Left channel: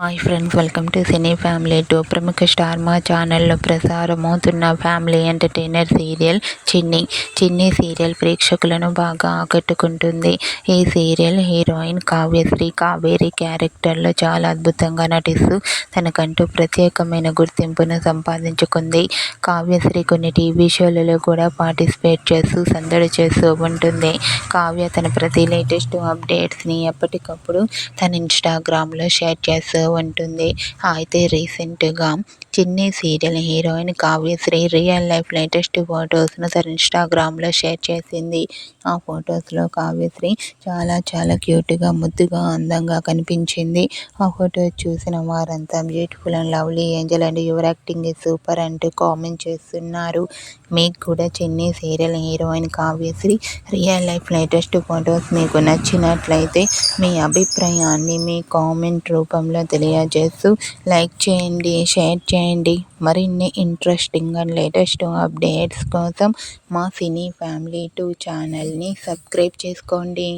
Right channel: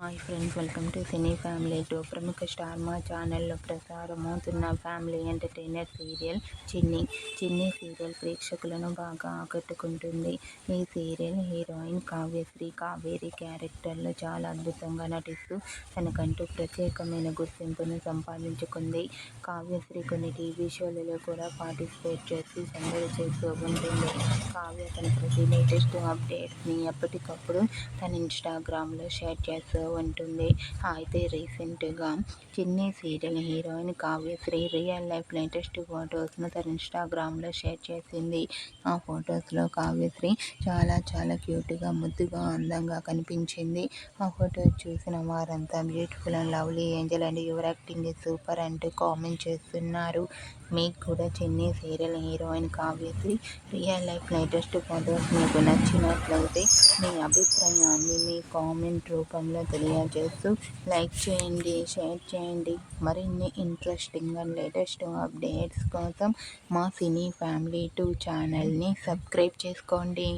Hi friends, welcome to cine family 2. ప్రముఖ star మా ఛానల్లో ప్రసారమవుతున్న ఫ్యామిలీ ఎంటర్టైనర్ సీరియల్ చిన్ని సీరియల్ ప్రేక్షకులను బాగా ఆకట్టుకుంటుంది. ఈ సీరియల్ హీరోయిన్ కావ్యశ్రీ కావేరి క్యారెక్టర్లో చాలా అద్భుతంగా నటిస్తూ తనకంటూ ప్రత్యేకమైన గుర్తింపును సంపాదించుకుంది. కావ్యశ్రీ కొన్ని టీవీ షోలలో కూడా పార్టిసిపేట్ చేస్తూ సందడి చేస్తూ ఉంటుంది. కావ్య తన ప్రతి లేటెస్ట్ అప్డేట్స్ని ఎప్పటికప్పుడు తన ఇన్స్టాగ్రామ్లో షేర్ చేస్తూ ఉంటుంది. అయితే రీసెంట్గా Chinni serial heroine Kavyasri real life latest ఫొటోస్ను తన ఇన్స్టాగ్రామ్లో షేర్ చేసింది. ఆ ఫొటోస్లో కావ్యశ్రీ చాలా క్యూట్గా, ముద్దుగా, అందంగా కనిపించింది. ఆ ఫోటో చూసిన వారంతా beautiful and lovely Angel and your acting is super అంటూ కామెంట్ చేస్తున్నారు. మీకు కూడా చిన్ని serial heroine Kavyasri real life latest photos మీకు నచ్చినట్లయితే మీ అభిప్రాయాన్ని మీ కామెంట్ రూపంలో తెలియజేస్తూ లైక్ చేయండి, షేర్ చేయండి. మరిన్ని ఇంట్రెస్టింగ్ అండ్ లేటెస్ట్ అప్డేట్స్ కోసం మా సినీ ఫ్యామిలీ 2 ఛానల్ని సబ్స్క్రైబ్ చేసుకోండి.